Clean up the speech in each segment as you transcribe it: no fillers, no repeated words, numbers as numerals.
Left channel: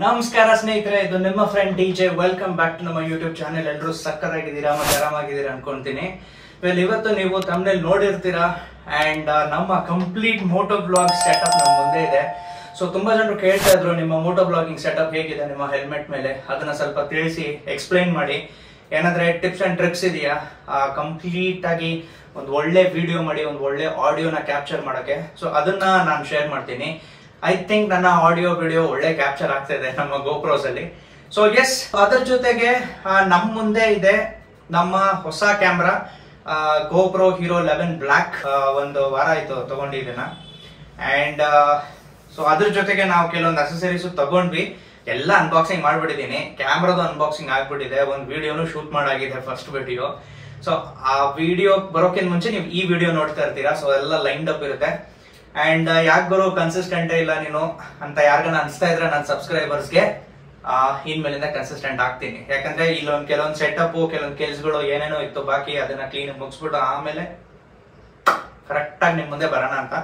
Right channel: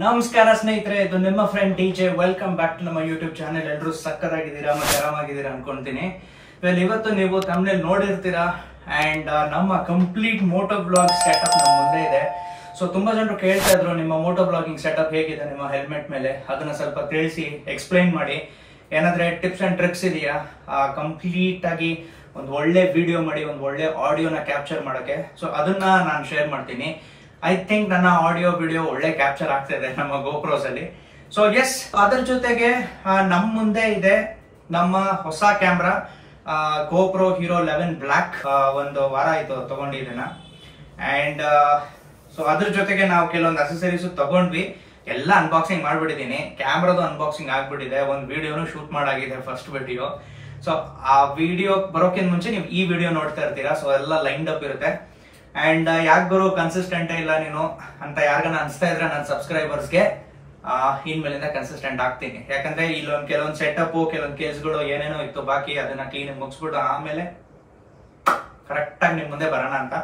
ನಮಸ್ಕಾರ ಸ್ನೇಹಿತರೆ, ಇದು ನಿಮ್ಮ friend DJ. Welcome back to ನಮ್ಮ ಯೂಟ್ಯೂಬ್ ಚಾನೆಲ್. ಎಲ್ಲರೂ ಸಕ್ಕತ್ತಾಗಿದ್ದೀರಾ ಮತ್ತೆ ಆರಾಮಾಗಿದ್ದೀರಾ ಅನ್ಕೊಂತೀನಿ. ಇವತ್ತು ನೀವು ತಮ್ಮನೇಲಿ ನೋಡಿರ್ತೀರಾ ಅಂಡ್ ನಮ್ಮ ಕಂಪ್ಲೀಟ್ ಮೋಟೋ ಬ್ಲಾಗ್ ಸೆಟಪ್ ನಮ್ಮ ಮುಂದೆ ಇದೆ. ಸೊ ತುಂಬಾ ಜನರು ಕೇಳ್ತಾ ಇದ್ರು, ನಿಮ್ಮ ಮೋಟೋ ಬ್ಲಾಗಿಂಗ್ ಸೆಟಪ್ ಹೇಗಿದೆ ನಿಮ್ಮ ಹೆಲ್ಮೆಟ್ ಮೇಲೆ, ಅದನ್ನ ಸ್ವಲ್ಪ ತಿಳಿಸಿ ಎಕ್ಸ್ಪ್ಲೈನ್ ಮಾಡಿ. ಏನಾದ್ರೆ ಟಿಪ್ಸ್ ಅಂಡ್ ಟ್ರಿಕ್ಸ್ ಇದೆಯಾ ಕಂಪ್ಲೀಟ್ ಆಗಿ ಒಂದು ಒಳ್ಳೆ ವಿಡಿಯೋ ಮಾಡಿ ಒಂದು ಒಳ್ಳೆ ಆಡಿಯೋನ ಕ್ಯಾಪ್ಚರ್ ಮಾಡಕ್ಕೆ. ಸೊ ಅದನ್ನ ನಾನು ಶೇರ್ ಮಾಡ್ತೀನಿ. ಐ ಥಿಂಕ್ ನನ್ನ ಆಡಿಯೋ ವಿಡಿಯೋ ಒಳ್ಳೆ ಕ್ಯಾಪ್ಚರ್ ಆಗ್ತಾ ಇದೆ ನಮ್ಮ ಗೋಪ್ರೋಸ್ ಅಲ್ಲಿ. ಸೊ ಎಸ್, ಅದರ ಜೊತೆಗೆ ನಮ್ಮ ಮುಂದೆ ಇದೆ ನಮ್ಮ ಹೊಸ ಕ್ಯಾಮ್ರಾ ಗೋಪ್ರೋ ಹೀರೋ 11 ಬ್ಲಾಕ್. ಒಂದು ವಾರ ಆಯ್ತು ತಗೊಂಡಿದ್ದನ್ನ. ಅಂಡ್ ಸೊ ಅದ್ರ ಜೊತೆಗೆ ನಾವು ಕೆಲವೊಂದು ಅಸೆಸರೀಸ್ ತಗೊಂಡ್ವಿ. ಎಲ್ಲ ಅನ್ಬಾಕ್ಸಿಂಗ್ ಮಾಡ್ಬಿಟ್ಟಿದೀನಿ. ಕ್ಯಾಮ್ರಾದು ಅನ್ಬಾಕ್ಸಿಂಗ್ ಆಗ್ಬಿಟ್ಟಿದೆ, ಒಂದು ವಿಡಿಯೋನು ಶೂಟ್ ಮಾಡಾಗಿದೆ, ಫಸ್ಟ್ ವಿಡಿಯೋ. ಸೊ ಆ ವಿಡಿಯೋ ಬರೋಕ್ಕಿಂತ ಮುಂಚೆ ನೀವು ಈ ವಿಡಿಯೋ ನೋಡ್ತಾ ಇರ್ತೀರಾ. ಸೊ ಎಲ್ಲ ಲೈನ್ಡ್ ಅಪ್ ಇರುತ್ತೆ. ಅಂಡ್ ಯಾಕೆ ಗುರು ಕನ್ಸಿಸ್ಟೆಂಟೇ ಇಲ್ಲ ನೀನು ಅಂತ ಯಾರಿಗಾನ ಅನ್ಸ್ತಾ ಇದ್ರೆ ನನ್ನ ಸಬ್ಸ್ಕ್ರೈಬರ್ಸ್ಗೆ ಇನ್ಮೇಲಿಂದ ಕನ್ಸಿಸ್ಟೆಂಟ್ ಆಗ್ತೀನಿ. ಯಾಕಂದ್ರೆ ಇಲ್ಲೊಂದು ಕೆಲವೊಂದು ಸೆಟಪ್, ಕೆಲವೊಂದು ಕೆಲ್ಸಗಳು ಏನೇನೋ ಇತ್ತು ಬಾಕಿ, ಅದನ್ನ ಕ್ಲೀನ್ ಮುಗಿಸ್ಬಿಟ್ಟು ಆಮೇಲೆ ಕರೆಕ್ಟ್ ಆಗಿ ನಿಮ್ ಮುಂದೆ ಬರೋಣ ಅಂತ.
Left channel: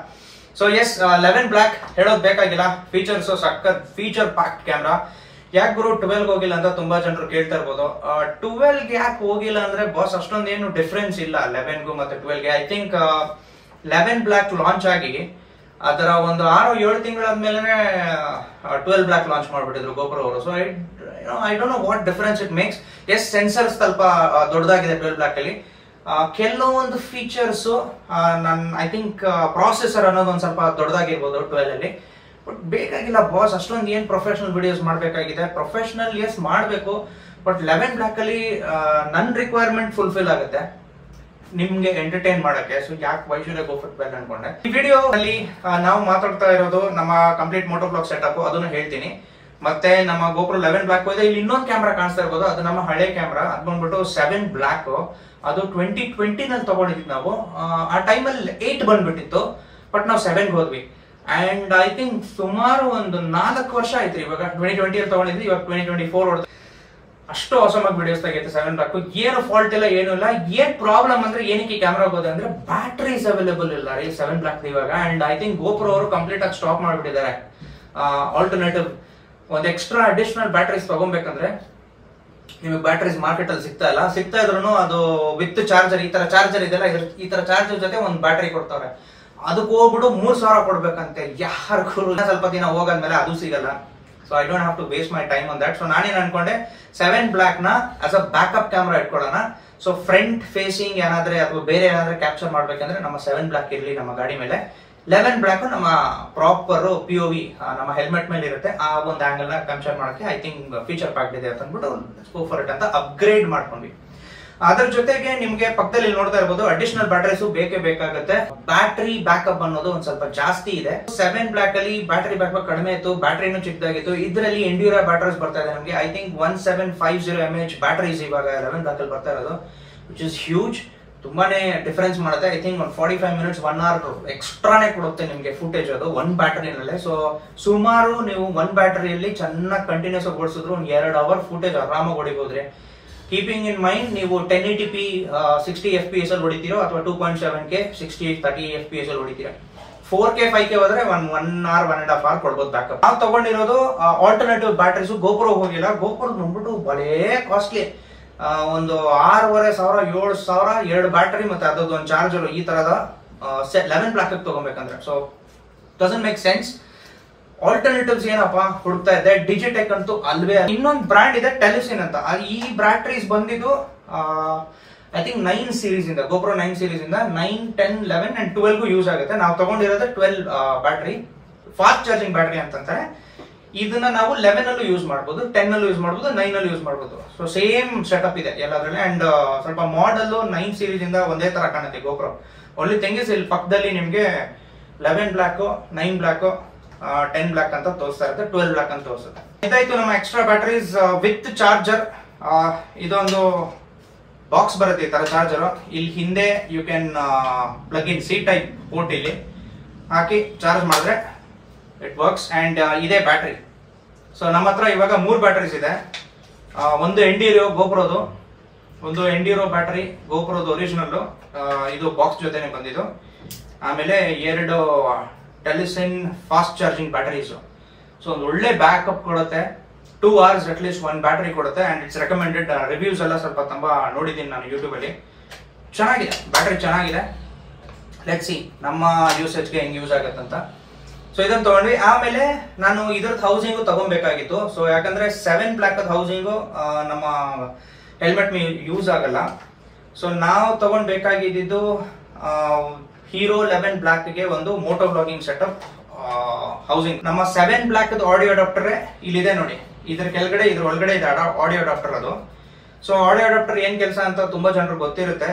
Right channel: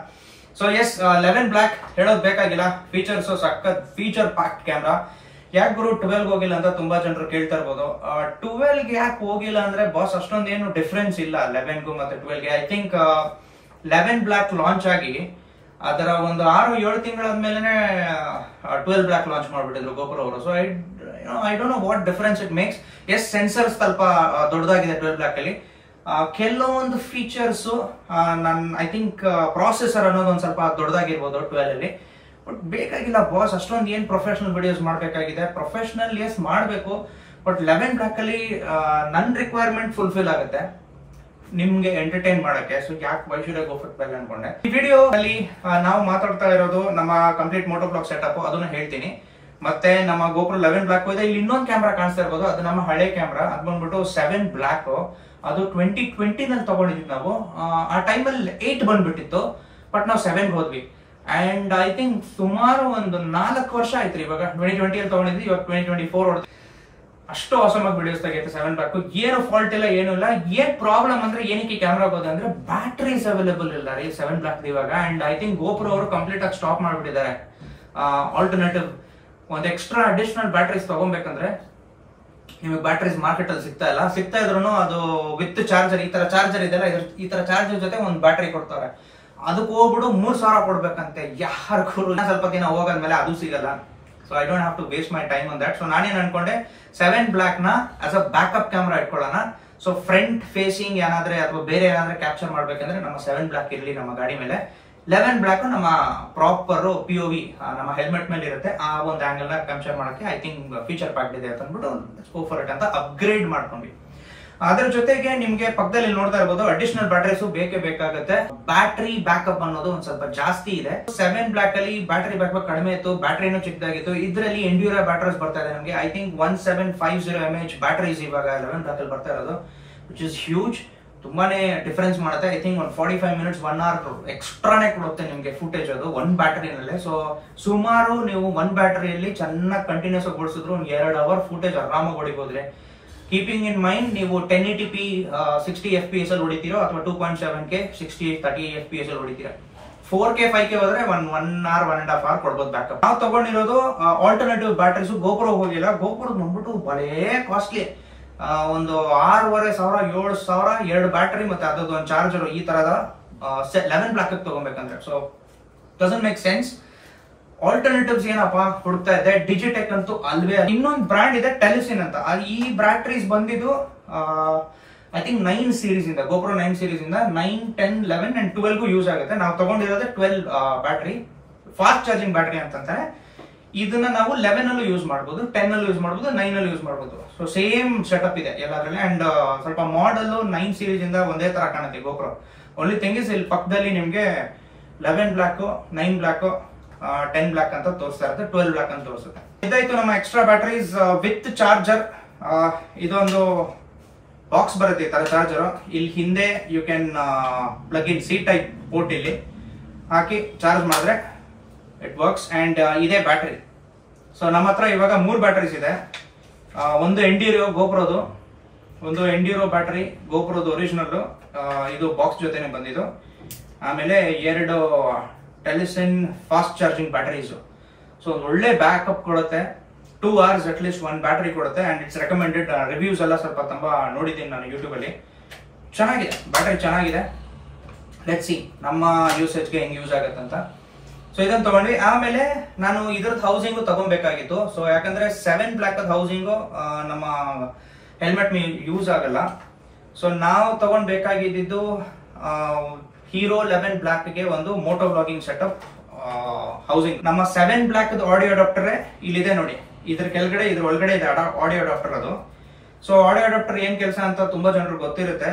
ಸೊ ಎಸ್, 11 ಬ್ಲಾಕ್ ಹೇಳೋದು ಬೇಕಾಗಿಲ್ಲ. ಫೀಚರ್ಸ್ ಸಖತ್ ಫೀಚರ್ ಪ್ಯಾಕ್ಡ್ ಕ್ಯಾಮ್ರಾ. ಯಾಕೆ ಗುರು 12 ಹೋಗಿಲ್ಲ ಅಂತ ತುಂಬಾ ಜನರು ಕೇಳ್ತಾ ಇರ್ಬೋದು. 12 ಯಾಕೆ ಹೋಗಿಲ್ಲ ಅಂದ್ರೆ ಬಾಸ್ ಅಷ್ಟೊಂದು ಏನು ಡಿಫ್ರೆನ್ಸ್ ಇಲ್ಲ 11ಗೂ ಮತ್ತೆ 12ಗೆ. ಐ ಥಿಂಕ್ 11 ಬ್ಲಾಕ್ ಲಾಂಚ್ ಆಗಿ ಅದರ ಒಂದು 6-7 ತಿಂಗಳಾದ್ಮೇಲೆ 12 ಬ್ಲಾಕ್ ಲಾಂಚ್ ಮಾಡ್ಬಿಟ್ಟಿದ್ರು ಗೋಪ್ರೋ ಅವರು. So I don't know what difference it makes. Yes, sensor ಸ್ವಲ್ಪ ದೊಡ್ಡದಾಗಿದೆ 12 ಬ್ಲಾಕ್ ಅಲ್ಲಿ. ಕೆಲವೊಂದು ಫೀಚರ್ಸ್ ಐ ಥಿಂಕ್ ಪ್ರಾಸೆಸರ್ ಅನ್ನೋದು ಒಂದ್ ಸ್ವಲ್ಪ ದೊಡ್ಡದಾಗಿರ್ಬೋದು 12 ಅಲ್ಲಿ. ಬಟ್ ಬೇಕಾಗಿಲ್ಲ ಬಾಸ್, ಅಷ್ಟೊಂದು ಏನ್ ಪ್ರೊಫೆಷನಲ್ ವಿಡಿಯೋಸ್ ಮಾಡ್ಬೇಕಾಗಿದೆ. ಪ್ರೊಫೆಷನಲ್ ಎಸ್ ಮಾಡ್ಬೇಕು, ಬಟ್ 11 ಬ್ಲಾಕ್ ಅಲ್ಲಿ ನನ್ನ ರಿಕ್ವೈರ್ಮೆಂಟ್ ಫುಲ್ಫಿಲ್ ಆಗುತ್ತೆ ನಿಮ್ಗೆ ಎಂಟರ್ಟೈನ್ ಮಾಡಕ್ಕೆ. ಸೊ ಯಾಕೆ why should I go for 12 ಅನ್ಕೊಂಡೆ. ಈ ವಿಡಿಯೋ ಅಲ್ಲಿ ನಾವು ಮಾತಾಡ್ತಾ ಇರೋದು ನಮ್ಮ ಕಂಪ್ಲೀಟ್ ಮೋಟೋ ಬ್ಲಾಗ್ ಸೆಟಪ್, ಅದನ್ನ ಹೇಳ್ತೀನಿ. ಮತ್ತೆ ನಮ್ಮ ಗೋಪ್ರೋ 11 ಬ್ಲಾಕ್ ಇದೆ. ಇಲ್ಲಿ ಇನ್ನೊಂದು ಕ್ಯಾಮ್ರಾ ಕಾಣಿಸ್ತಾ ಇರ್ಬೋದು, ಅದು ನಮ್ಮ ಹಳೆ ಕ್ಯಾಮ್ರಾ. ಅದು ಬಂದ್ಬಿಟ್ಟು 7 ಬ್ಲಾಕ್. ಅದು 2020 ನಲ್ಲಿ ತಗೊಂಡಿದ್ವಿ ನಾವು. ಆ ಟೈಮಲ್ಲಿ 8 ಬಂದ್ಬಿಟ್ಟಿತ್ತು, ಬಟ್ ನಾವು 7 ಹೋದ್ವಿ. ಅಂಡ್ ಐ ಥಿಂಕ್ ಸುಮಾರು ಒಂದು 4 ವರ್ಷ ಆಯ್ತು. ಇವಾಗ 2020 ಅಲ್ಲಿ ತಗೊಂಡಿದ್ವಿ, ಇವಾಗ 2024 ಹೊಡೆದು ಅಷ್ಟು ಆಸಮಾಗಿ ವಿಡಿಯೋಸ್ ತೆಗೆಯುತ್ತೆ 7 ಬ್ಲಾಕ್. ಏನು ಫಾಲ್ಟ್ ಇಲ್ಲ, ಏನೂ ಇಲ್ಲ. ಏನ್ ಪ್ರಾಬ್ಲಮ್ ಅಂದ್ರೆ ಏನಕ್ಕೆ ಕ್ಯಾಮ್ರಾ ಹೋಗೋದು ಅಂದ್ರೆ ಬ್ಯಾಟ್ರೀಸ್ ಅವೈಲೇಬಲ್ ಇಲ್ಲ ಈ 7 ಬ್ಲಾಕ್ ಇವಾಗ. ಅಂಡ್ ಐ ಥಿಂಕ್ ಗೋಪ್ರೋ ಅವರು ಕಂಪ್ಲೀಟ್ ಆಗಿ ಸ್ಟಾಪ್ ಮಾಡ್ಬಿಟ್ಟಿದ್ದಾರೆ. ಆಲ್ಟರ್ನೇಟಿವ್ ಒಂದು ಎಕ್ಸ್ಟ್ರಾ ಅಡಿಷನಲ್ ಬ್ಯಾಟ್ರೀಸ್ ತಗೊಬೇಕಂದ್ರೆ ನಿಮಗೆ ಬ್ಯಾಟ್ರೀಸ್ ಮಾರ್ಕೆಟ್ ಅಲ್ಲಿ ಸಿಗ್ತಾ ಇದ್ರು ಅದು ವಿತ್ ಚಾರ್ಜರ್, ಈ ತರ ಚಾರ್ಜರ್ ಇದೆಲ್ಲ, ಈ ತರ ಚಾರ್ಜರ್ ಜೊತೆ ಒಂದು ಬ್ಯಾಟ್ರಿ ಕೊಡ್ತಾರೆ. ಅದಕ್ಕೆ ಹೋಗ್ಬಿಟ್ಟು 3,000 ಕೊಡ್ಬೇಕಂತೆ. ಯಾರಿಗೂ ಸ್ವಲ್ಪ ದಿನ ಹೋಗಾದ್ಮೇಲೆ ಅದು ಸಿಗಲ್ಲ. So I don't have to waste my time on that. So ನಾನೇನ್ ಅನ್ಕೊಂಡೆ 7 ಬ್ಲಾಕ್ ನ ಆಸ್ ಅ ಬ್ಯಾಕಪ್ ಕ್ಯಾಮ್ರಾ ಇಟ್ಕೊಳ್ಳೋಣ. ಸೊ ಫ್ರಂಟ್ ಫೇಸಿಂಗ್ ಏನಾದ್ರೆ ಅಥವಾ ಬೇರೆ ಏನಾದ್ರೆ ಕ್ಯಾಪ್ಚರ್ ಮಾಡ್ಬೇಕಂದ್ರೆ ನಮ್ಮ 7 ಬ್ಲಾಕ್ ಇರಲಿ ನಮ್ಮ ಗಾಡಿ ಮೇಲೆ. 11 ಬ್ಲಾಕ್ ನಮ್ಮ ಪ್ರಾಪರ್ POV ನಮ್ಮ ಹೆಲ್ಮೆಟ್ ಮೇಲೆ ಇರುತ್ತೆ. ಆ ಒಂದು ಆಂಗಲ್ ನ ಕ್ಯಾಪ್ಚರ್ ಮಾಡಕ್ಕೆ ಐ ಥಿಂಕ್ ಫೀಚರ್ ಪ್ಯಾಕ್ಡ್ ಇದೆ ಅಂತ ಅಂದ್ಬಿಟ್ಟು ಗೋ ಫಾರ್ ಇಟ್ ಅಂತ ಅಪ್ಗ್ರೇಡ್ ಮಾಡ್ಕೊಂಡ್ವಿ. ಅದ್ರ ಜೊತೆಗೆ ನಿಮ್ಗೆ ಪಕ್ಕದಲ್ಲಿ ನೋಡ್ತಾ ಇರ್ಬೋದು ಅಡಿಷನಲ್ ಬ್ಯಾಟರೀಸ್ ಬೇಕೇ ಬೇಕಾಗುತ್ತೆ. ಬ್ಯಾಟರಿ ಬ್ಯಾಕಪ್ ಅನ್ನೋದು ಒಂದ್ ಸ್ವಲ್ಪ ಜಾಸ್ತಿ ಇದೆ. 7 ಬ್ಲಾಕ್ ಅಲ್ಲಿ ಬ್ಯಾಟರಿ ಬ್ಯಾಕಪ್ ಕಡಿಮೆ ಇತ್ತು, ಬ್ಯಾಟರಿನೂ ಚಿಕ್ಕದಾಗಿತ್ತು. ಇದರಲ್ಲಿ ಎಂಡ್ಯೂರಾ ಬ್ಯಾಟರೀಸ್ ಬರ್ತಾ ಇದೆ ನಮಗೆ. ಐ ಥಿಂಕ್ 1750 mAh ಬ್ಯಾಟರೀಸ್ ಇವಾಗ 11 ಬ್ಲಾಕ್ ಅಲ್ಲಿ ಬರ್ತಾ ಇರೋದು, ವಿಚ್ ಇಸ್ ಹ್ಯೂಜ್. ತುಂಬಾನೇ ಡಿಫರೆನ್ಸ್ ಮಾಡುತ್ತೆ. ಐ ಥಿಂಕ್ ಒಂದು 45 ಮಿನಿಟ್ಸ್ 1 hour ಎಕ್ಸ್ಟ್ರಾನೇ ಕೊಡುತ್ತೆ ನಿಮ್ಗೆ ಫುಟೇಜ್ ಅದು ಒಂದು ಬ್ಯಾಟರಿನಲ್ಲೇ. ಸೊ ಸುಮಾರು ನೀವು ಒಂದು ಬ್ಯಾಟರಿಯಲ್ಲಿ ಚೆನ್ನಾಗಿ ಕಂಟಿನ್ಯೂಸ್ ಆಗಿ ಓಡಿಸಿದ್ರು ಒಂದು 2 hour ಫುಟೇಜ್ ಆರಾಮಾಗಿ ಹೊಡಿಬೋದ್ರಿ. ಕೀಪಿಂಗ್ ಇನ್ ಮೈಂಡ್ ನೀವು 1080p 60 FPS ಅಲ್ಲಿ ಹೊಡಿತೀರೋ ಅಥವಾ 2.7K 30 FPS ಅಲ್ಲಿ ಹೊಡಿತೀರಾ. 4K 5K ಹೋದ್ರೆ 1 hour 1.5 hour ಕೊಡ್ಬೋದು ಬ್ಯಾಕಪ್. ನಾವು ತಗೊಂಡಿರೋದು ಆಲ್ಟರ್ನೇಟಿವ್ ಬ್ಯಾಟರೀಸ್. ಗೋಪ್ರೋ ಹೋಗಿಲ್ಲ. ಗೋಪ್ರೋ ಬಂದ್ಬಿಟ್ಟು ಬಲೇ ಕಾಸ್ಟ್ಲಿ. ಒಂದು 6,500 7,000 2 ಬ್ಯಾಟರಿ ಮತ್ತೆ ಅದೊಂದು ಒಂದು ಚಾರ್ಜರ್. ಈ ತರದ 11 ಬ್ಲಾಕ್ ತಗೋಬೇಕಂದ್ರೆ so doesn't make sense. Alternatives ಏನಪ್ಪಾ ಹುಡುಕ್ತಾ ಇದ್ದೆ, ಡಿಜಿಟೆಕ್ ಅಂತೂ ಅಲ್ವೇ. ಇನ್ನೊಂದು ಬ್ರ್ಯಾಂಡ್ ಇದೆ ಟೆಲಿಸಿನ್ ಅಂತ. ಈ ಬ್ಯಾಟರೀಸ್ ಬಂದಿದ್ದು ಐ ಥಿಂಕ್ 9 ಸೀರೀಸ್ ಇಂದ, ಗೋಪ್ರೋ 9 ಸೀರೀಸ್ ಇಂದ 9, 10, 11 ಅಂಡ್ 12 ಯೂಸ್ ಆಗುತ್ತೆ. ನಾವು ತಗೊಂಡಿರೋದು 12 ಬ್ಯಾಟರಿ, ಫಾಸ್ಟ್ ಚಾರ್ಜಿಂಗ್ ಬ್ಯಾಟರಿ ಅಂತಂತಾರೆ. ಇದನ್ನ ನಾವು 11 ಅಲ್ಲೂ ಯೂಸ್ ಮಾಡಬಹುದು, 10 ಅಲ್ಲೂ ಯೂಸ್ ಮಾಡಬಹುದು, 9 ಅಲ್ಲೂ ಯೂಸ್ ಮಾಡಬಹುದು. ಸೊ ಸೇಮ್ ಸೆಟಪ್ ಇದೆ ಎಲ್ಲದ್ರಲ್ಲಿ. ಅಂಡ್ ಸ್ವಲ್ಪ ಮಾಡೆಲ್ 9 ಸೀರೀಸ್ ಇಂದ ಒಂದೇ ತರ ಕಾಣುತ್ತೆ ಗೋಪ್ರೋ. ಓನ್ಲಿ ಥಿಂಗ್ ಇಸ್ ಇಲ್ಲಿ ಪಕ್ಕದಲ್ಲಿ ನಿಮ್ಗೆ 11 ಬ್ಲಾಕ್, 9 ಬ್ಲಾಕ್, 10 ಬ್ಲಾಕ್ ಅಂತ ತೋರಿಸ್ತಾ ಇರುತ್ತೆ, 12 ಬ್ಲಾಕ್ ಅಂತ ತೋರಿಸುತ್ತೆ. ಇದಾಯ್ತು ನಮ್ಮ ಎಕ್ಸ್ಟ್ರಾ ಬ್ಯಾಟರೀಸ್ ವಿತ್ ಚಾರ್ಜರ್. ಇದೊಂದು ಬಾಕ್ಸ್ ಬರುತ್ತೆ ಈ ತರ ಚಾರ್ಜರ್. ಇಲ್ಲಿ ಹಿಂದೆ you can plug in C type port ಇಲ್ಲಿ ಹಾಕಿ ಚಾರ್ಜ್ ಮಾಡಿದ್ರೆ ಇಟ್ ವರ್ಕ್ಸ್. ಅಂಡ್ ಇದೇ ಬ್ಯಾಟರಿ. ಸೊ ನಮ್ಮ ಹತ್ರ ಇವಾಗ 3 ಬ್ಯಾಟರೀಸ್ ಇದೆ. ಒಂದು ಎಂಡ್ಯೂರೋ ಗೋಪ್ರೋದು, ಒಂದು ಎಂಡ್ಯೂರೋ ಬ್ಯಾಟರಿ ಗೋಪ್ರೋದು ಒರಿಜಿನಲ್, ಇದು ಬಾಕ್ಸ್ ಜೊತೆನೆ ಬಂದಿದ್ದು. ಆಮೇಲೆ 2 Telesin fast charging batteries. So so ಒಂದು ಒಳ್ಳೆ ಬ್ಯಾಕಪ್ ಕೊಡುತ್ತೆ. 2 hours ಅಟ್ ಲೀಸ್ಟ್ ಒಂದು ಬ್ಯಾಟರಿ ಕೊಡುತ್ತೆ. And it's recommended. ರಿವ್ಯೂಸ್ ಎಲ್ಲ ಸ್ವಲ್ಪ ತುಂಬಾ ನೋಡಿದ್ದೀನಿ ನಾನು ಯೂಟ್ಯೂಬ್ ಅಲ್ಲಿ. ಚೆನ್ನಾಗಿದೆ, ಬ್ಯಾಟರಿ ಚೆನ್ನಾಗಿದೆ. ಲೆಟ್ಸ್ ಸಿ ನಮ್ಮ ಯೂಸೇಜ್ಗೆ ಹೆಂಗ್ ಯೂಸ್ ಆಗುತ್ತಂತ. ಸೊ ಇದನ್ನ ತಗೊಂಡ್ವಿ. ಆಮೇಲೆ ನಾನು ಇದ್ರದ್ದು ಹೌಸಿಂಗು ತಗೊಬೇಕಾಗಿತ್ತು. ಸೊ ಯಾಕಂದ್ರೆ 7 ಬ್ಲಾಕ್ ಹೌಸಿಂಗು ನಮ್ಮ ಹೆಲ್ಮೆಟ್ ಯೂಸ್ ಆಗಲ್ಲ. ಸೊ ನಾವು ತಗೊಂಡ್ಬೇಕಾಗಿದ್ದು ಹೀರೋ 11 ಬ್ಲಾಕ್ಗೆ ಒಂದು ಮೋಟೋ ಬ್ಲಾಗಿಂಗ್ ಸೆಟಪ್ ಹೌಸಿಂಗ್. ನಮ್ಮ 7 ಬ್ಲಾಕ್ ಆಡಿಯೋ ಅಡಾಪ್ಟರ್ ಇಲ್ಲಿದೆ ನೋಡಿ. ಇದ್ರ ಕೆಳಗಡೆ ಇದ್ರ ಒಳಗಡೆ ಇದೆ ಆಡಿಯೋ ಅಡಾಪ್ಟರ್ ಅದು. ಸೊ ಆಡಿಯೋ ಅಡಾಪ್ಟರ್ ಏನ್ ಕೆಲಸ ಅಂತ ತುಂಬಾ ಜನರಿಗೆ ಗೊತ್ತಿರುತ್ತೆ.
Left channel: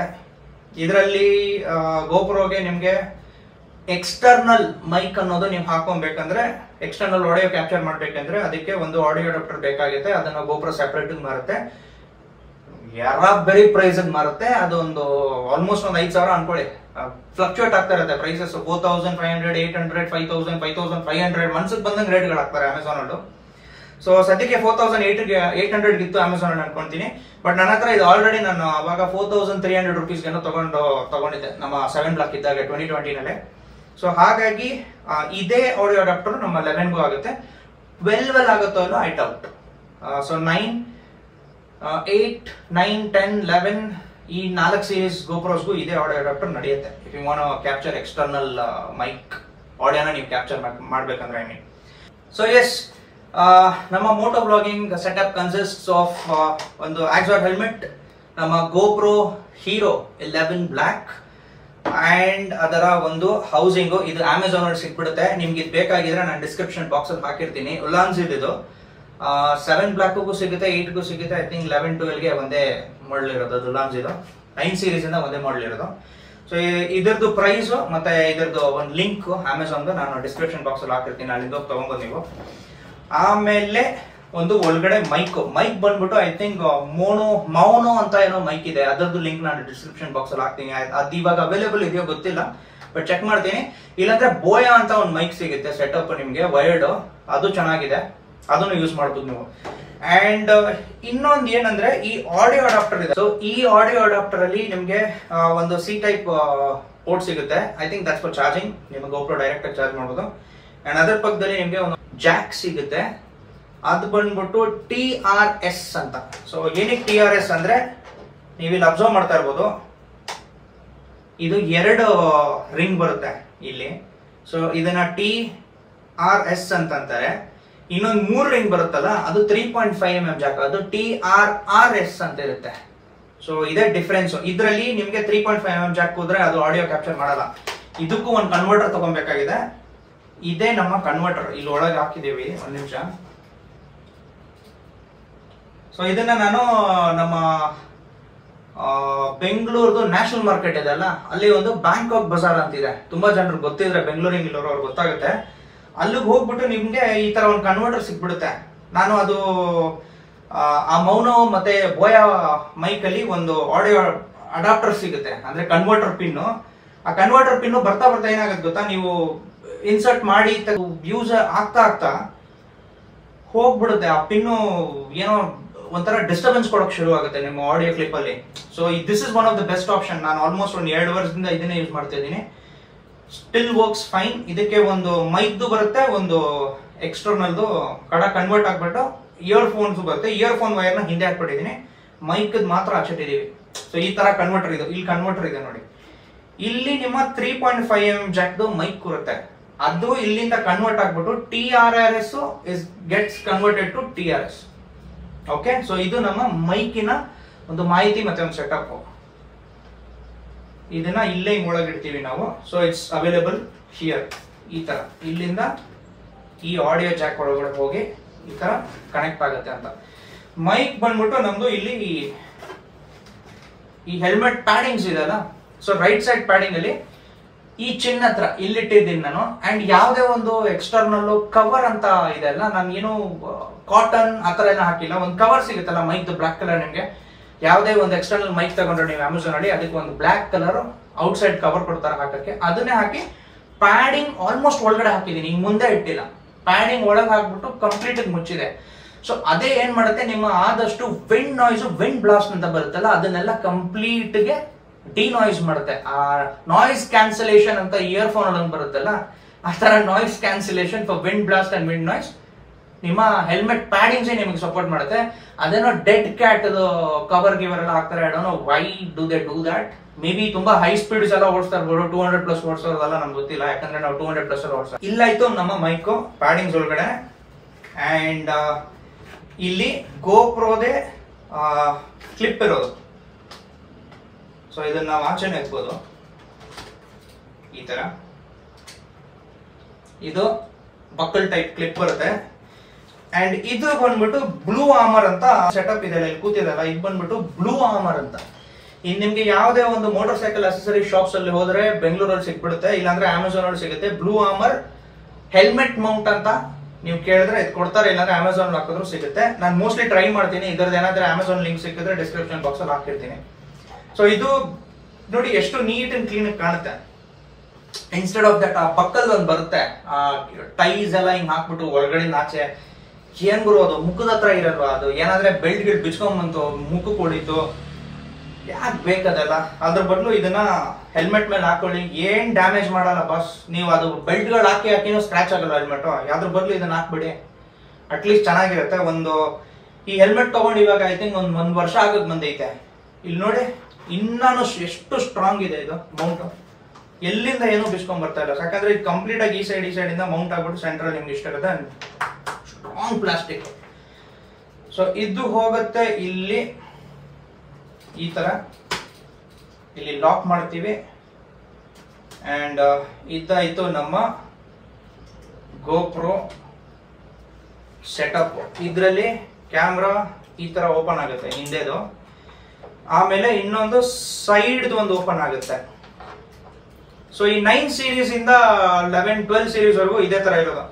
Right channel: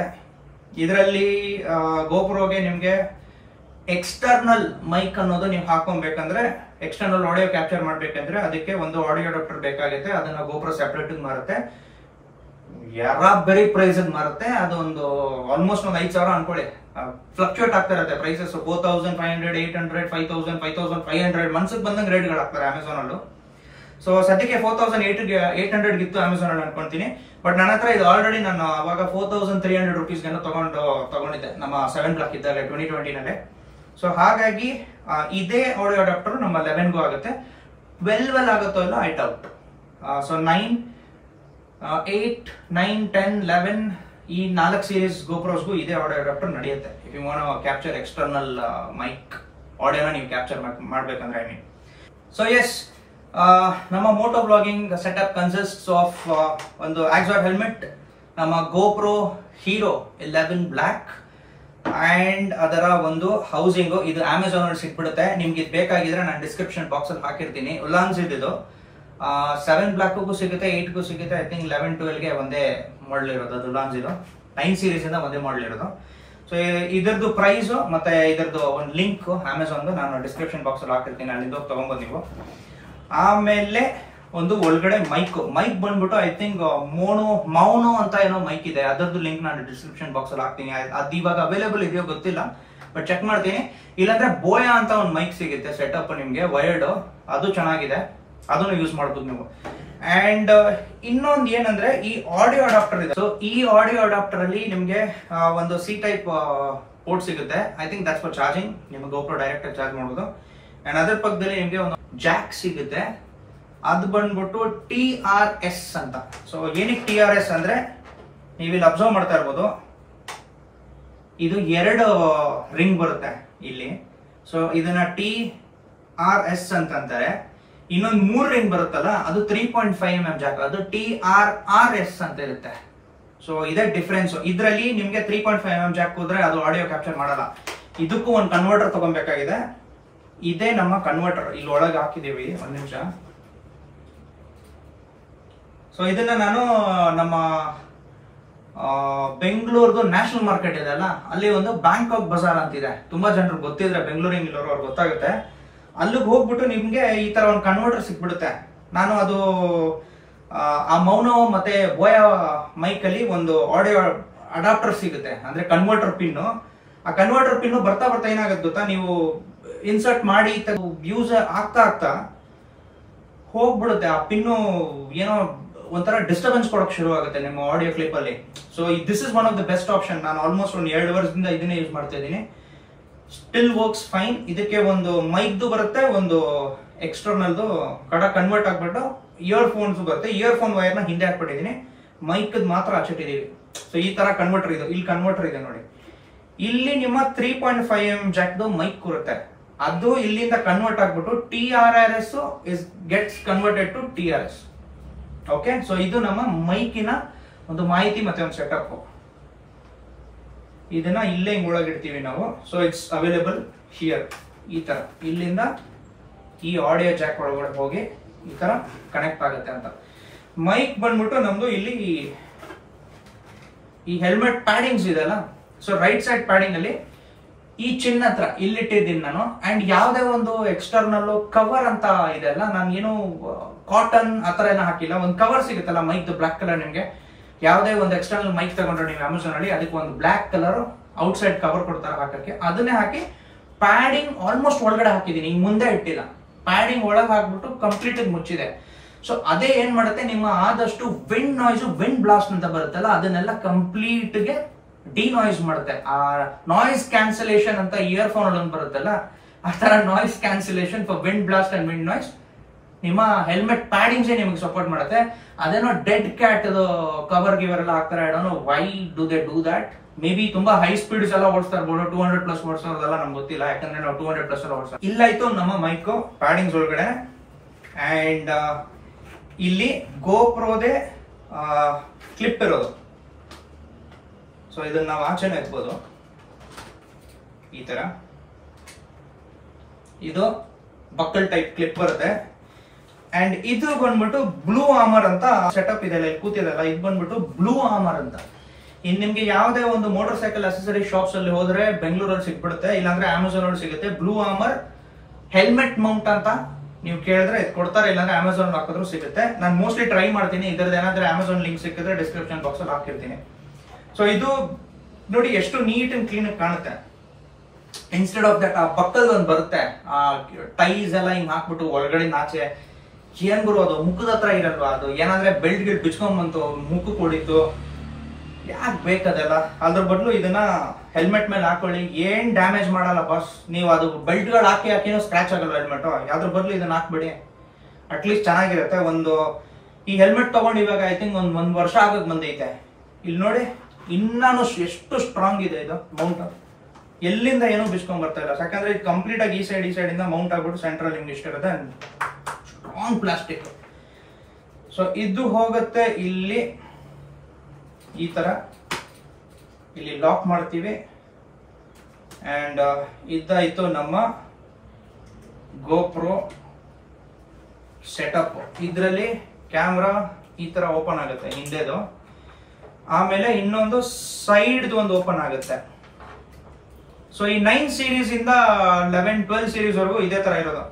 ಇದರಲ್ಲಿ ಗೋಪ್ರೋಗೆ ನಿಮ್ಗೆ ಎಕ್ಸ್ಟರ್ನಲ್ ಮೈಕ್ ಅನ್ನೋದು ನೀವು ಹಾಕೊಬೇಕಂದ್ರೆ, ಎಕ್ಸ್ಟರ್ನಲ್ ಆಡಿಯೋ ಕ್ಯಾಪ್ಚರ್ ಮಾಡ್ಬೇಕಂದ್ರೆ ಅದಕ್ಕೆ ಒಂದು ಆಡಿಯೋ ಅಡಾಪ್ಟರ್ ಬೇಕಾಗುತ್ತೆ. ಅದನ್ನ ಗೋಪ್ರೋ ಸೆಪರೇಟ್ ಮಾರುತ್ತೆ, ಬರೀ ಪ್ರೈಸ್ ಮಾರುತ್ತೆ. ಅದೊಂದು ಆಲ್ಮೋಸ್ಟ್ ಒಂದು 5,000 ಅನ್ಕೊಳ್ಳಿ. ಫ್ಲಕ್ಚುಯೇಟ್ ಆಗ್ತಾ ಇರುತ್ತೆ ಪ್ರೈಸಸ್. 4,500, 800, 5,000, 5,500 ಮನ್ಸಿಗೆ ಬಂದಂಗೆ ರೇಟ್ಗಳು ಹಾಕ್ತಾರೆ ಅಮೆಝಾನ್ ಅಲ್ಲೂ. ಸೊ ಸದ್ಯಕ್ಕೆ 4,800 ಇತ್ತು ಅಮೆಝಾನ್ ಅಲ್ಲಿ ಅನ್ಕೊಂತೀನಿ. ಬಟ್ ನನ್ನ ಹತ್ರ ಇದು ಆಲ್ರೆಡಿ ನಾನು ಅವಾಗ 4,300 ರುಪೀಸ್ಗೆ ತಗೊಂಡಿದ್ದೆ ನಮ್ಮ 7 ಬ್ಲಾಕ್ ಇದ್ದಾಗ 2020 ಸೊ ಹಾಗಾಗಿ ಇದೇ ಆಡಿಯೋ ಅಡಾಪ್ಟರ್ ನಮ್ಮ 11ಗೂ ಆಗುತ್ತೆ. 12 ಆಗುತ್ತೋ ಇಲ್ಲ ಐ ಡೌಟ್. ಸೊ 9, 8, 9, 10, 11 ಈ 4 ಸೀರೀಸ್ ಗೋಪ್ರೋಸ್ಗೂ ಇದೇ ಆಡಿಯೋ ಅಡಾಪ್ಟರ್ ನಡೆಯುತ್ತೆ. If you want capture external mic ಆಡಿಯೋನ ನೀವು ಕ್ಯಾಪ್ಚರ್ ಮಾಡ್ಬೇಕಂದ್ರೆ ಐ ಮೀನ್. ಸೊ ಎಸ್, ನಮ್ಮ moto blogging setup consists of ಒಂದು ಆಕ್ಸಾಟ್ ಹೆಲ್ಮೆಟ್, ನಮ್ಮ ಗೋಪ್ರೋ ಹೀರೋ 11 ಬ್ಲಾಕ್ ಅಂಡ್ ಅದರ ಒಂದು ಹೌಸಿಂಗು. ಇದು ಅಮೆಝಾನ್ ಅಲ್ಲಿ ಸಿಕ್ಬಿಡುತ್ತೆ. ನಿಮ್ಗೆ ಇದು ಬೇಕಾಗಿದ್ರೆ ನಾನು ಡಿಸ್ಕ್ರಿಪ್ಷನ್ ಬಾಕ್ಸ್ ಅಲ್ಲಿ ಹಾಕಿರ್ತೀನಿ. ಉಲಾನ್ಸ್ ಇದು 7 ಬ್ಲಾಕ್ಗೂ ಸಿಗುತ್ತೆ, 8ಗೂ ಸಿಗುತ್ತೆ. ಐ ಥಿಂಕ್ 11, 12ಗೆ ಒಂದೇ ಮಾಡಲ್ ಇರೋದು. ಅದು ಉಲಾನ್ಸ್ ಇದು 9 ಸೀರೀಸ್ ಇಂದ ಒಂದೇ ಮಾಡಲ್ ಇರೋದು. ಸೊ ಇದರದ್ದು ಪ್ರೈಸ್ ಮತ್ತೆ ಇದರದ್ದು ಒಂದು ಲಿಂಕ್ ಅಮೆಝಾನ್ ನಾನು ಡಿಸ್ಕ್ರಿಪ್ಷನ್ ಬಾಕ್ಸ್ ಅಲ್ಲಿ ಹಾಕಿರ್ತೀನಿ. ಅಲ್ಲಿಂದ ತಗೊಂಬೋದು ನೀವು. ಆಮೇಲೆ ಒಂದು ಒಳಗಡೆ ಮೈಕ್ ಬಂದ್ಬಿಟ್ಟು ಐ ಥಿಂಕ್ ಮೌನೋ ಅಂತ ಏನೋ ಮೈಕ್ ಇದೆ. ಅದರದ್ದು ಲಿಂಕ್ ನಾನು ಡಿಸ್ಕ್ರಿಪ್ಷನ್ ಬಾಕ್ಸ್ ಅಲ್ಲಿ ಹಾಕ್ತೀನಿ. ಅದು ಇವಾಗ ಅವೈಲೇಬಲ್ ಇದೆಯೋ ಗೊತ್ತಿಲ್ಲ, ಬಟ್ ಚೆಕ್ ಮಾಡ್ತೀನಿ. ಇಲ್ಲಾಂದ್ರೆ ಬೋಯಾ ಅಂತ ಒಂದು ಮೈಕ್ ಸಿಗುತ್ತೆ ಸೆಟಪ್ ನಿಮ್ಗೆ ವೈರ್ಡ್, ಅದು ಚೆನ್ನಾಗಿದೆ, ಅದನ್ನು ಯೂಸ್ ಮಾಡ್ಬೋದು ನೀವು. ಅಂಡ್ ಇನ್ನೊಂದು ಏನಂದ್ರೆ ಈ ಆಡಿಯೋ ಅಡಾಪ್ಟರ್ ಇದೆ. ಸೊ ಈ ಆಡಿಯೋ ಅಡಾಪ್ಟರ್ ಅಲ್ಲಿ ನಿಮ್ಗೆ ಒಂದು ಸಿ ಟೈಪ್ ಪೋರ್ಟ್ ಸಿಗುತ್ತೆ. I think that's for charging. ನಿಮ್ಗೆ ಗೋಪ್ರೋ ಡೈರೆಕ್ಟ್ ಆಗಿ ಚಾರ್ಜ್ ಮಾಡ್ಬೋದು. ಅಂಡ್ ಅದರ ಪಕ್ಕದಲ್ಲಿ ನಿಮ್ಗೆ ಒಂದು ಜಾಕ್ ಸಿಗುತ್ತೆ. ಅದು ಬಂದ್ಬಿಟ್ಟು TRS ಅಂತ. ಸೊ ಏನಕ್ಕೆ TRS ಅಂದ್ರೆ ನೀವಿಲ್ಲಿ ಅಬ್ಸರ್ವ್ ಮಾಡ್ತಾ ಇರ್ಬೋದು, ಇದು 2 ರಿಂಗ್ ಬರುತ್ತೆ ಇಲ್ಲಿ. ಸೊ ಇದನ್ನ TRS ಅಂತಾರೆ. ಇನ್ನೊಂದು 3 ರಿಂಗ್ ಬರುತ್ತಲ್ಲ ಅದು 3.5mm ಜಾಕ್, ಅದು TRRS ಅಂತ ಇರುತ್ತೆ. ಸೊ ಇದೇ ಡಿಫ್ರೆನ್ಸ್. ಇದರಲ್ಲಿ ನಿಮ್ಗೆ 3.5mm ಜಾಕ್ ಹೋದ್ರೆ ಅದು ಆಡಿಯೋ ಕ್ಯಾಪ್ಚರ್ ಮಾಡಲ್ಲ. ಇದಕ್ಕೂ ಒಂದು ಕನ್ವರ್ಟರ್ ತಗೊಬೇಕಾಗಿದೆ. ಇದೇ ನಮ್ಮ ಕನ್ವರ್ಟರ್, ಇಲ್ಲಿ ಒಳಗೆ ಹಾಕಿದೀವಿ. ಒಂದು ನಿಮಿಷ. ಸೊ ಇದನ್ನ ನಾನು ನಮ್ಮ ಬೆಂಗಳೂರ್ದು ನ್ಯಾಷನಲ್ ಮಾರ್ಕೆಟ್ ಇದೆ ಅಲ್ಲ, ಅಲ್ಲಿ ಒಂದು ಬ್ಯಾಂಕಾಕ್ ಬಜಾರ್ ಅಂತಿದೆ. ತುಂಬಾ ಜನರು ಗೊತ್ತಿದ್ರೆ ಬೆಂಗಳೂರಿಗೆ ಇಲ್ಲವರು ಅವ್ರಿಗೆ ಗೊತ್ತಾಗುತ್ತೆ. ಅಲ್ಲಿಗೆ ಹೋಗ್ಬಿಟ್ಟು ನಿಮ್ಗೆ ಈ ತರ ಒಂದು ಕನ್ವರ್ಟರ್ ಸಿಕ್ಬಿಡುತ್ತೆ. ನಾನು ಅದು ಆ ಮೌನೋ ಮತ್ತೆ ಬೋಯಾ ಮೈಕ್ ಅಲ್ಲಿ ಒಂದು ಆಡಿಯೋ ಅಡಾಪ್ಟರ್ ಸಿಗುತ್ತೆ, ಅಂದ್ರೆ ಕನ್ವರ್ಟರ್ ಪಿನ್ನು. ಆ ಕನ್ವರ್ಟರ್ ಪಿನ್ನು ಬರ್ತಾ ಏನಾಗುತ್ತೆ ಗೊತ್ತಾ, ನೀವು ಇನ್ಸರ್ಟ್ ಮಾಡಿ ಯೂಸ್ ಆಗ್ತಾ ಹೋಗ್ಬಿಡುತ್ತೆ. ಆ ಪಿನ್ನು ಏನೋ ಒಂಥರ ಡಿಸ್ಟರ್ಬೆನ್ಸ್ ಕೊಡೋಕೆ ಶುರು ಆಗುತ್ತೆ ನಿಮ್ಮ ಆಡಿಯೋ ಕ್ಲಿಪ್ ಅಲ್ಲಿ. So this is one of the best option. ನಾನು ಆಲ್ಮೋಸ್ಟ್ ಒಂದು 2 ವರ್ಷದಿಂದ ಇದನ್ನೇ ಯೂಸ್ ಮಾಡ್ತಾ ಇದ್ದೀನಿ. Still works fine. ಇದಕ್ಕೆ ಒಂದು ಮೈಕ್ದು ಬರುತ್ತೆ, ಒಂದು ಎಕ್ಸ್ಟರ್ನಲ್ದು ಕನ್ವರ್ಟ್ ಆಗ್ಬಿಟ್ಟು ಇಯರ್ಫೋನ್ಸ್ ಬರುತ್ತೆ. ಇಯರ್ಫೋನ್ ವೈರ್ನ ಹಿಂದೆ ಹಾಕ್ಬಿಟ್ಟಿದ್ದೀನಿ, ಮೈಕ್ ಮಾತ್ರ ಹಚ್ಚಿಟ್ಟಿದೀವಿ. ಸೊ ಈ ತರ ಕನ್ವರ್ಟರ್ ಇದೆ. ಇಲ್ಲಿ ಕನ್ವರ್ಟರ್ ಇದೆ ನೋಡಿ. ಇಲ್ಲಿ ನಿಮ್ಮ 3.5mm ಜಾಕ್ದು ಮೈಕ್ ಬರುತ್ತೆ. ಅದು ಇಲ್ಲಿಂದ ಕನ್ವರ್ಟ್ ಆಗ್ಬಿಟ್ಟು TRRS gets converted to TRS. Okay, so ಇದು ನಮ್ಮ ಮೈಕಿನ ಒಂದು ಮಾಹಿತಿ ಮತ್ತೆ ಒಂದು ಸೆಟಪ್. ಇದನ್ನ ಇಲ್ಲೇ ಒಳಗಿಡ್ತೀವಿ ನಾವು. So it's available here. ಈ ತರ ಇಲ್ಲಿಂದ ಈ ಆಡಿಯೋ ಜಾಕ್ ಒಳಗಡೆ ಹೋಗಿ ಈ ತರ ಕನೆಕ್ಟ್ ಆಗುತ್ತೆ ಅಂತ. ಮೈಕ್ ಬಂದ್ಬಿಟ್ಟು ನಮ್ದು ಇಲ್ಲಿ ಈ ಹೆಲ್ಮೆಟ್ ಪ್ಯಾಡಿಂಗ್ಸ್ ಇದೆಲ್ಲ. ಸೊ ರೈಟ್ ಸೈಡ್ ಪ್ಯಾಡಿಂಗ್ ಅಲ್ಲಿ ಈ ಚಿನ್ನ ಹತ್ರ ಇಲ್ಲಿಟ್ಟಿದ್ದೀನಿ ನಾನು. ಅಂಡ್ ಯಾವ್ದೇ ಒಂದು ಎಕ್ಸ್ಟರ್ನಲ್ ಕವರ್ ಅಂತ ಇದೆ ಅಲ್ಲ, ನಾನು ಏನು ಕಾಟನ್ ಆತರ ಏನೋ ಹಾಕಿಲ್ಲ. ಒಂದು ಕವರ್ ಸಿಗುತ್ತಲ್ಲ ಮೈಕ್ ಬ್ಲಾಕ್ ಕಲರ್. ನಿಮ್ಗೆ ಯಾವುದೇ ಒಂದು ಎಕ್ಸ್ಟರ್ನಲ್ ಮೈಕ್ ತಗೊಂಡ್ರೆ ನೀವು ಅಮೆಝಾನ್ ಅಲ್ಲಿ, ಅದಕ್ಕೆ ಒಂದು black colour out side cover ಕೊಡ್ತಾರೆ ಹಾಕಕ್ಕೆ. ಅದನ್ನೇ ಹಾಕಿ ಪ್ಯಾಡಿಂಗ್ ಆಲ್ಮೋಸ್ಟ್ ಒಳಗಡೆ ಹಾಕಿದೀನಿ, ಈಗ ಮುಂದೆ ಇಟ್ಟಿಲ್ಲ. ಪ್ಯಾಡಿಂಗ್ ಒಳಗೆ ಹಾಕ್ಬಿಟ್ಟು ಕಂಪ್ಲೀಟ್ ಮುಚ್ಚಿದೆ. ಸೊ ಅದೇ ಏನ್ ಮಾಡುತ್ತೆ, ನಿಮ್ಮ ಆದಷ್ಟು ವಿಂಡ್ ನಾಯ್ಸ್, ವಿಂಡ್ ಬ್ಲಾಸ್ಟ್ ಅಂತ ಬರುತ್ತಲ್ಲ, ಅದನ್ನೆಲ್ಲ ಕಂಪ್ಲೀಟ್ ಗೆ ಡಿನಾಯ್ಸ್ ಮಾಡುತ್ತೆ. ಆ ನಾಯ್ಸ್ ಕ್ಯಾನ್ಸಲೇಷನ್ ಅಂತ ಇಯರ್ಫೋನ್ ಅಲ್ಲಿ ಬರುತ್ತಲ್ಲ, ಆ ತರ noise cancellation for wind blast and wind noise ನಿಮ್ಮ ಹೆಲ್ಮೆಟ್ ಪ್ಯಾಡಿಂಗ್ಸ್ ನಿಮಗೆ ಸಪೋರ್ಟ್ ಮಾಡುತ್ತೆ. ಅದೇನೋ ಡೆಡ್ ಕ್ಯಾಟ್ ಕವರ್ ಗಿವರ್ ಎಲ್ಲ ಹಾಕ್ತಾರೆ. I don't know why do they do that. May be ತುಂಬಾ ಹೈ ಸ್ಪೀಡ್ಸ್ ಎಲ್ಲ ಓಡಿಸ್ತಾ ಇರ್ಬೋದು, 200+ ಓಡಿಸೋದಲ್ಲ ನಮ್ಗೆ ಗೊತ್ತಿಲ್ಲ, ಯಾಕಂದ್ರೆ ನಾವು 200+ ಎಲ್ಲ ಓಡಿಸ್ತಾ ಇಲ್ಲಾಯ್ತು. ನಮ್ಮ ಮೈಕ್ ಪ್ಯಾಡಿಂಗ್ಸ್ ಒಳಗಡೆ ಅಂಡ್ ಇಲ್ಲಿ ಗೋಪ್ರೋದೇ ಕ್ಲಿಪ್ ಇರೋದು. ಸೊ ಇದನ್ನ ನಾವು ಆಚೆನೆ ಎತ್ಬೋದು ಈ ತರ. ಇದು ಬಕ್ಕಲ್ ಟೈಪ್ ಕ್ಲಿಪ್ ಬರುತ್ತೆ. ಅಂಡ್ ಇದು ಬಂದ್ಬಿಟ್ಟು ಬ್ಲೂ ಆಮರ್ ಅಂತ ಸೆಟಪ್ ಇದೆ, ಇಲ್ಲಿ ಕೂತಿದಲ್ಲ, ಇದು ಬಂದ್ಬಿಟ್ಟು ಬ್ಲೂ ಆಮರ್ ಅಂತ. ಇನ್ ನಿಮ್ಗೆ ಯಾವುದೇ ಒಂದು ಮೋಟಾರ್ ಸೈಕಲ್ ಅಸೆಸರಿ ಶಾಪ್ಸ್ ಅಲ್ಲಿ ಹೋದ್ರೆ ಬೆಂಗಳೂರಲ್ಲಿ ಸಿಕ್ಬಿಡುತ್ತೆ, ಇಲ್ಲಾಂದ್ರೆ ಅಮೆಝಾನ್ ಅಲ್ಲಿ ಸಿಗುತ್ತೆ. ಬ್ಲೂ ಆಮರ್ ಹೆಲ್ಮೆಟ್ ಮೌಂಟ್ ಅಂತ ನೀವು ಕೇಳಿದ್ರೆ ಇದು ಕೊಡ್ತಾರೆ, ಇಲ್ಲಾಂದ್ರೆ ಅಮೆಝಾನ್ ಹಾಕಿದ್ರು ಸಿಗುತ್ತೆ. ನಾನು ಮೋಸ್ಟ್ಲಿ ಟ್ರೈ ಮಾಡ್ತೀನಿ. ಇದ್ರದ್ದು ಏನಾದ್ರೆ ಅಮೆಝಾನ್ ಲಿಂಕ್ ಸಿಕ್ಕಿದ್ರೆ ಡಿಸ್ಕ್ರಿಪ್ಷನ್ ಬಾಕ್ಸ್ ಅಲ್ಲಿ ಹಾಕಿರ್ತೀನಿ. ಸೊ ಇದು ನೋಡಿ ಎಷ್ಟು ನೀಟ್ ಅಂಡ್ ಕ್ಲೀನ್ ಕಾಣುತ್ತೆ. ಇನ್ಸ್ಟೆಡ್ ಆಫ್ ದಟ್ ಆ ಪಕ್ಕದ ಒಂದು ಬರುತ್ತೆ, ಆ ಟೈಸ್ ಎಲ್ಲ ಹಿಂಗ್ ಹಾಕ್ಬಿಟ್ಟು ಒಳಗಡೆ ಆಚೆ ಏನ್ ಬರೋದು ಮುಖದ ಹತ್ರ ಇರಲ್ವಾ, ಅದು ಏನಾದ್ರೆ ಬೆಲ್ಟ್ ಗಿಲ್ಟ್ ಬಿಚ್ಕೊಂಡ್ಬಂತು ಮುಖಕ್ಕೆ ಹೊಡಿತು, ಯಾಕೆ ಬೇಕದೆಲ್ಲ. ಅದ್ರ ಬದಲು ಇದನ್ನ ಹೆಲ್ಮೆಟ್ ಮೇಲೆ ಹಾಕೊಳ್ಳಿ, ಏನ್ ಡ್ಯಾಮೇಜ್ ಮಾಡಲ್ಲ ಬಾಸ್. ನೀವು ಅದು ಬೆಲ್ಟ್ ಗಳು ಹಾಕಿನೂ ಸ್ಕ್ರಾಚ್ ಆಗಲ್ಲ ಹೆಲ್ಮೆಟ್. ಯಾವ್ದ್ರ ಬದಲು ಇದನ್ನ ಹಾಕ್ಬಿಡಿ, ಅಟ್ಲೀಸ್ಟ್ ಚೆನ್ನಾಗಿರುತ್ತೆ. ಈ ಹೆಲ್ಮೆಟ್ ತಗೊಂಡು ಇವಾಗ ಐ ಥಿಂಕ್ ಒಂದ್ ವರ್ಷ ಆಗಕ್ ಬಂದೈತೆ. ಇಲ್ಲಿ ನೋಡಿ ಇನ್ನಾನು ಎಷ್ಟು ಸ್ಟ್ರಾಂಗ್ ಇದೆ ಇದು ಮೌಂಟ್. ಎಲ್ಲಿಂದ ಏನೂ ಬಿಚ್ಕೊಂಡ್ ಬರ್ತಾ ಇಲ್ಲ, ಯಾಕಂದ್ರೆ ಇದು ಕಂಪ್ಲೀಟ್ ಆಗಿ ಈ ಸೈಡ್ ಇಂದ ಮೌಂಟ್ ಆಗ್ಬಿಟ್ಟು ಸೆಂಟ್ರಲ್ ನಿಮ್ಗೆ ಇಷ್ಟ ಇರುತ್ತೆ, ಸ್ಟ್ರಾಂಗ್ ಪ್ಲಾಸ್ಟಿಕ್. ಸೊ ಇದು ಹೋಗುತ್ತೆ ಇಲ್ಲಿ ಈ ತರ, ಇಲ್ಲಿ ಲಾಕ್ ಮಾಡ್ತೀವಿ. ಅಂಡ್ ಇದಾಯ್ತು ನಮ್ಮ ಗೋಪ್ರೋ ಸೆಟಪ್. ಇದರಲ್ಲಿ ಕ್ಯಾಮ್ರಾ ಈ ತರ ಓಪನ್ ಆಗುತ್ತೆ ಹಿಂದೆದು, ಆಮೇಲೆ ಇನ್ನೊಂದು ಸೈಡ್ ಒಂದು ಓಪನ್ ಆಗುತ್ತೆ. ಸೊ ಈ 9 ಸೀರೀಸ್ ಇಂದ 11, 12 ಸೀರೀಸ್ ವರೆಗೂ ಇದೇ ತರ ಇರೋದು.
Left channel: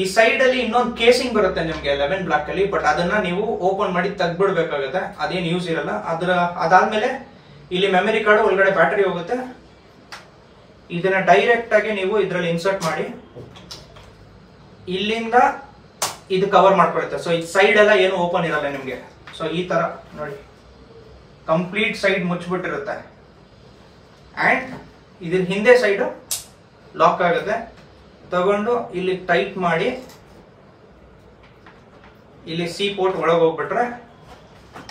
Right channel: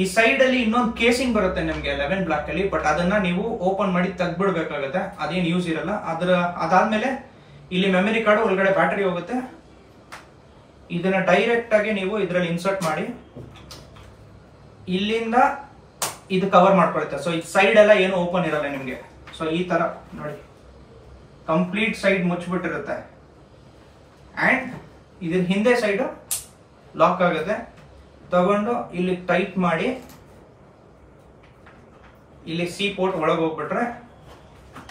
ಈ ಸೈಡ್ ಅಲ್ಲಿ ಇನ್ನೊಂದು ಕೇಸಿಂಗ್ ಬರುತ್ತೆ ನಿಮ್ಗೆ 11 ಬ್ಲಾಕ್ ಅಲ್ಲಿ, ಬಟ್ ಅದನ್ನ ನೀವು ಓಪನ್ ಮಾಡಿ ತೆಗ್ಬಿಡ್ಬೇಕಾಗುತ್ತೆ, ಅದೇನು ಯೂಸ್ ಇರಲ್ಲ. ಅದಾದ್ಮೇಲೆ ಇಲ್ಲಿ ಮೆಮರಿ ಕಾರ್ಡ್ ಒಳಗಡೆ ಬ್ಯಾಟರಿ ಹೋಗುತ್ತೆ. ಇದನ್ನ ಡೈರೆಕ್ಟ್ ಆಗಿ ನೀವು ಇದರಲ್ಲಿ ಇನ್ಸರ್ಟ್ ಮಾಡಿ ಇಲ್ಲಿಂದ ಇದು ಕವರ್ ಮಾಡ್ಕೊಳುತ್ತೆ. ಸೊ ಈ ಸೈಡ್ ಎಲ್ಲ ಏನು ಓಪನ್ ಇರಲ್ಲ ನಿಮ್ಗೆ. ಸೊ ಈ ತರ ನೋಡಿ ಕಂಪ್ಲೀಟ್ ಸೈಡ್ ಮುಚ್ಚಿಬಿಟ್ಟಿರುತ್ತೆ. ಅಂಡ್ ಇದ್ರ ಹಿಂದೆ ಸೈಡ್ ಲಾಕ್ ಆಗುತ್ತೆ. ತಗೊಂಡು ಇಲ್ಲಿ ಟೈಟ್ ಮಾಡಿ ಇಲ್ಲಿ ಸಿ ಪೋರ್ಟ್ ಒಳಗೆ ಹೋಗ್ಬಿಟ್ರೆ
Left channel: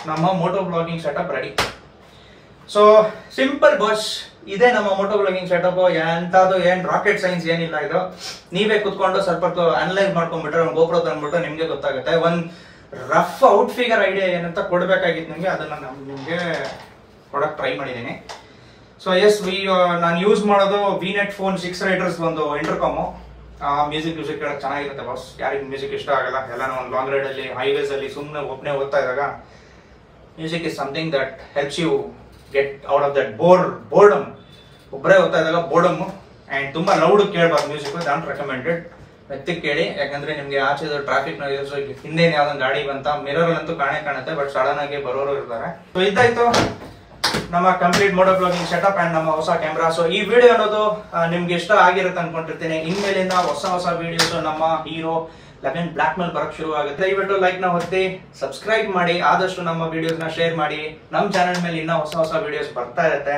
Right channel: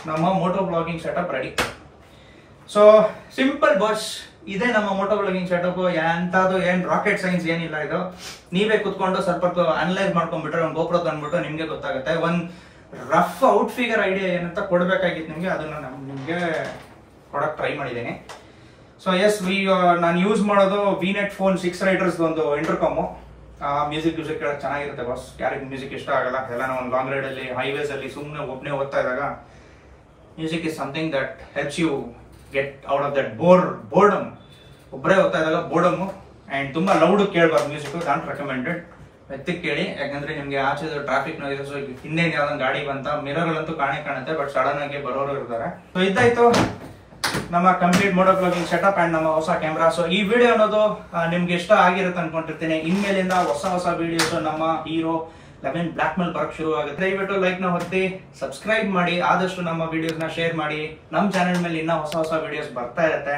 ನಮ್ಮ moto blogging setup ready. So simple boss, ಇದೇ ನಮ್ಮ ಮೋಟೋ ಬ್ಲಾಗಿಂಗ್ ಸೆಟಪ್. ಎಂತದು ಏನ್ ರಾಕೆಟ್ ಸೈನ್ಸ್ ಏನಿಲ್ಲ. ಇದು ನೀವೇ ಕುತ್ಕೊಂಡು ಸ್ವಲ್ಪ ಅನಲೈಸ್ ಮಾಡ್ಕೊಂಡ್ಬಿಟ್ರೆ ಒಂದು ಗೋಪ್ರೋ ತಂದ್ಬಿಟ್ಟು ನಿಮ್ಗೆ ಗೊತ್ತಾಗುತ್ತೆ. ಒಂದ್ ರಫ್ ಔಟ್ ಫಿಗರ್ ಐಡಿಯಾ ಏನಂತ ಕೊಡ್ಬೇಕಾಗಿತ್ತು ನಿಮ್ಗೆ, ಅದನ್ನ ನಾನು ನಿಮ್ಗೆ ಕೊಡಕ್ ಟ್ರೈ ಮಾಡಿದ್ದೀನಿ. ಸೊ ಎಸ್ ನಾನು ಯೂಸ್ ಮಾಡೋದು ವಿನೆಟ್ ಫೋನ್ 6 ರೈಡರ್ಸ್ ಒಂದು ಇಂಟರ್ಕಾಮು. ಮ್ಯೂಸಿಕ್ ಕೇಳಕ್ ಚೆನ್ನಾಗಿರುತ್ತೆ ಬಾಸ್. ಯಾರಿಗೆ ಮ್ಯೂಸಿಕ್ ಇಷ್ಟ ಆಗಲ್ಲ, ಎಲ್ಲ ಒಂದು ಲಾಂಗ್ ರೈಡ್ ಅಲ್ಲಿ ಹೈವೇಸ್ ಅಲ್ಲಿ ಸುಮ್ಮನೆ ಒಬ್ಬನೇ ಓದ್ತಾ ಇದ್ದಾಗ music is something that helps you get out of that boredom. ಒಬ್ಬರೇ ಓದ್ತಾ ಇದ್ದಾಗ ಬೋರ್ಡಮ್. ಅಂಡ್ ತುಂಬಾ ಲೌಡ್ ಕೇಳಬಾರ್ದು ಮ್ಯೂಸಿಕ್, ನಾಟ್ ರೆಕಮೆಂಡೆಡ್. ಎತ್ತಿಗೆ ಕೇಳಿ, ಯಾಕಂದ್ರೆ ನಿಮ್ಗೆ ಆಚೆ ಟ್ರಾಫಿಕ್ ಹಿಂದೆ ಯಾವ್ದೊಂದು ಗಾಡಿ ಬಂತ ಮಿರರ್ ಅಂತೂ ಕಾಣುತ್ತೆ, ಬಟ್ ಸಡನ್ ಆಗಿ ಬರೋರು ಇರ್ತಾರೆ. ಸೊ ಇದಾಯ್ತು ನಮ್ಮ complete moto blogging setup and ನಮ್ಮ ಹೊಸ ಕ್ಯಾಮ್ರಾ. ಸೊ ಈ ವಿಡಿಯೋ ಅನ್ನೋದು ನಿಮ್ಗೆ ಇಷ್ಟ ಆಗಿರುತ್ತೆ ಅನ್ಕೊಂಡಿರ್ತೀನಿ. ಇನ್ಮೇಲಿಂದ ಹೊಸ ವಿಡಿಯೋಸ್ ನಮ್ಮ ಹೀರೋ 11 ಬ್ಲಾಕ್ ಮೇಲೆ ಬರಕ್ ಶುರು ಆಗುತ್ತೆ. ದಯವಿಟ್ಟು ಲೈಕ್ ನ ಒತ್ತಿ, ಸಬ್ಸ್ಕ್ರೈಬ್ ಮಾಡಿ, ಆದಷ್ಟು ನಮ್ಮ ವಿಡಿಯೋಸ್ ನ ಶೇರ್ ಮಾಡಿ. ನಮ್ಮ ಚಾನೆಲ್ ಮೇಲೆ ಇನ್ನ ಹೊಸ ವಿಡಿಯೋಸ್ ಬರ್ತಾ ಇರುತ್ತೆ.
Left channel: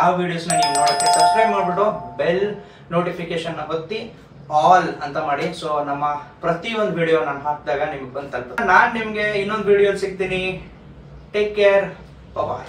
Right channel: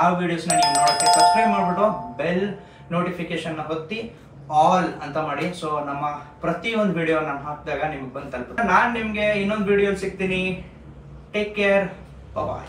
ಆ ವಿಡಿಯೋಸ್ ನ ನೀವು ನೋಡಕ್ಕೆ ಸಬ್ಸ್ಕ್ರೈಬ್ ಮಾಡ್ಬಿಟ್ಟು ಬೆಲ್ ನೋಟಿಫಿಕೇಶನ್ ನ ಒತ್ತಿ ಆಲ್ ಅಂತ ಮಾಡಿ. ಸೊ ನಮ್ಮ ಪ್ರತಿಯೊಂದು ವಿಡಿಯೋ ನಾನು ಹಾಕಿದಾಗ ನಿಮ್ಗೆ ಬಂದು ತಲುಪುತ್ತೆ. ನಾನ್ ನಿಮ್ಗೆ ಇನ್ನೊಂದು ವಿಡಿಯೋ ಸಿಗ್ತೀನಿ. ಟೇಕ್ ಕೇರ್, ಬಾಯ್.